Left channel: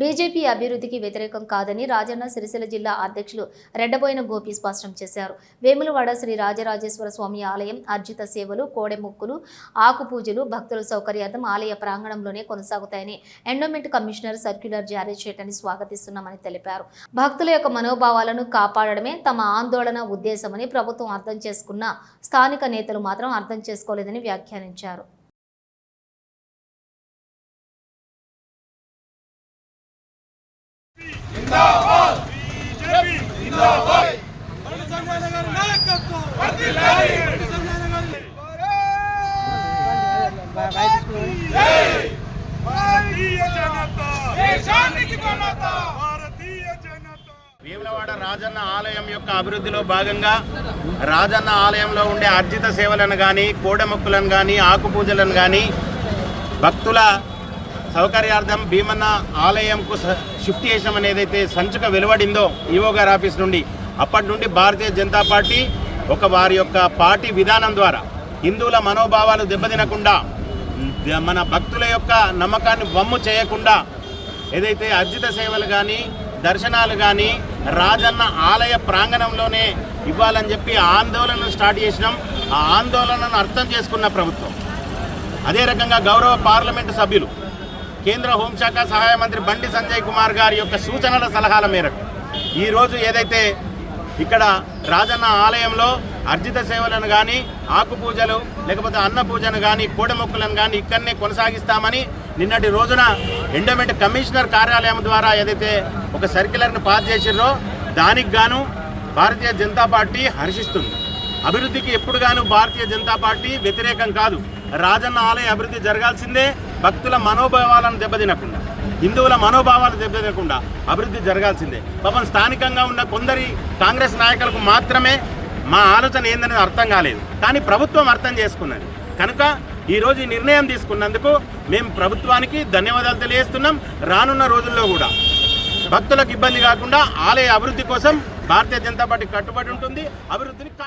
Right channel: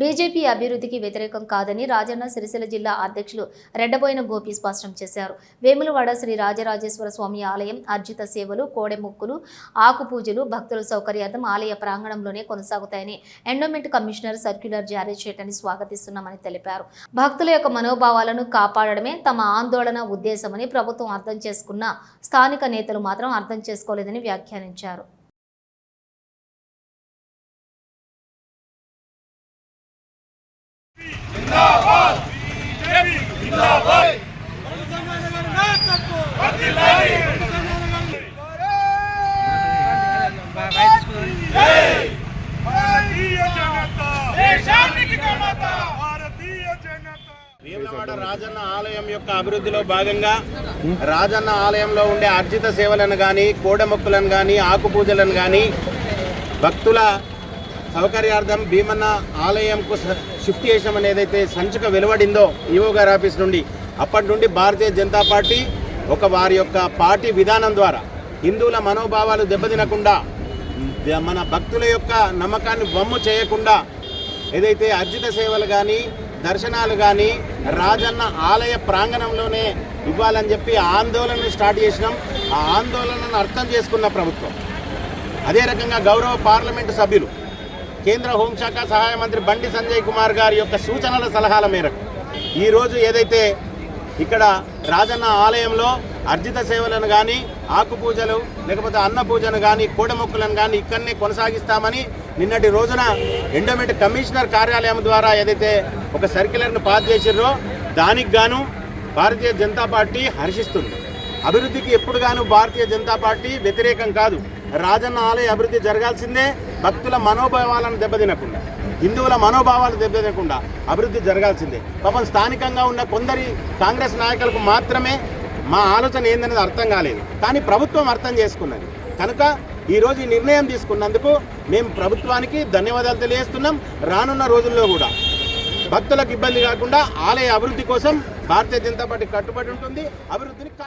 BJP అభివృద్ధికి వ్యతిరేకం కాదని రాజన్న సిరిసిల్ల జిల్లా అధ్యక్షులు రెడ్డబోయిన గోపి స్పష్టం చేశారు. వేములవాడ శ్రీ రాజరాజేశ్వర స్వామి ఆలయం అర్జిత సేవలు కోడెముక్కులు ఆకు పూజలు భక్తుల సౌకర్యార్థం ఆలయ ప్రాంగణంలోనే కొనసాగుతాయని ఎండోమెంట్ కమిషనర్ సర్క్యులర్ జారీ చేయటాన్ని స్వాగతిస్తున్నామని తెలిపారు. భక్తుల యొక్క మనోభావాలను కాపాడడమే తమ ఆందోళన ఉద్దేశమని ప్రభుత్వం అర్థం చేసుకున్న స్థానిక నేతలు మాత్రం అర్థం చేసుకోలేదని వ్యాఖ్యానించారు. భారతీయ జనతా భారతీయ జనతా వేములవాడ రాజన్న ఆలయం యొక్క అభివృద్ధిలో భాగంగా రాజన్న ఆలయంలో ఉండే అర్జిత సేవలను కానీ కోడెమొక్కులను కానీ ఆకు పూజలను కానీ భక్తుల సౌకర్యార్థం భీమన్న ఆలయంకు స- షిఫ్ట్ చేసామని ఏదైతే సంచుక వెలువడిందో ఈవో గారి ఆఫీస్ నుండి అప్పటి నుండి భారతీయ జనతా పార్టీ ఒక వారి యొక్క పార్టీ విధానం ద్వారా హిందువుల మనోభావాలు దెబ్బతినకుండా మన భక్తుల యొక్క నమ్మకాన్ని వమ్ము చేయకుండా ఏదైతే అర్జిత సేవలు కానీ దర్శనాలు కానీ రాజన్న ఆలయ ప్రాంగణంలోనే ఇవ్వాలని చెప్పి ఆందోళనను స్టార్ట్ చేసినాం. ఆ ఆందోళనను అర్థం చేసుకున్న ప్రభుత్వం. అదే రకంగా గౌరవ పార్లమెంటు సభ్యులు కేంద్ర హోంశాఖ సహాయ మంత్రి బండి సంజయ్ కుమార్ గారి యొక్క సూచనల సలహాల మేరకు ఈరోజు ఏదైతే ఇక్కడ రాజన్న ఆలయంలో అర్జిత సేవలను కానీ ఆకు పూజలు లేకపోతే అన్న పూజను కానీ కోడమొక్కలను కానీ ఇక్కడనే కొనసాగిస్తామని నిన్నటి రోజున ఎండోమెంట్ కమిషనర్ కార్యాలయం ద్వారా ఏదైతే ఒక సర్క్యులర్ను పాస్ చేసిర్రో దానికి గాను భారతీయ జనతా పార్టీ హర్షిస్తుంది. అభివృద్ధికి ఎప్పుడు గాను భారతీయ జనతా పార్టీ వ్యతిరేకం కాదు. రాజన్న ఆలయ అభివృద్ధి జరగాల్సిందే భక్తుల మనోభావాలను దెబ్బతినకుండా హిందువుల మనోభావాలు దెబ్బతినకుండా అభివృద్ధి జరగాల్సిందే. పాపం స్థానికంగా ఉన్న కొందరి కాంగ్రెస్ నాయకులకు మాత్రమే మా ఆలోచన ఏందనేది అర్థం కాలేదు. కానీ ప్రభుత్వం అర్థం చేసుకున్నది. కనుక ఈరోజు ఈ నిర్ణయం తీసుకున్నందుకు మేము ప్రభుత్వానికి ధన్యవాదాలు తెలియజేస్తున్నాం. రానున్న రోజుల్లో కూడా భక్తులకు ఇబ్బంది కాకుండా ఆలయ అభివృద్ధి కోసం భారతీయ జనతా పార్టీ కట్టుబడి ఉంటుంది. అభివృద్ధిని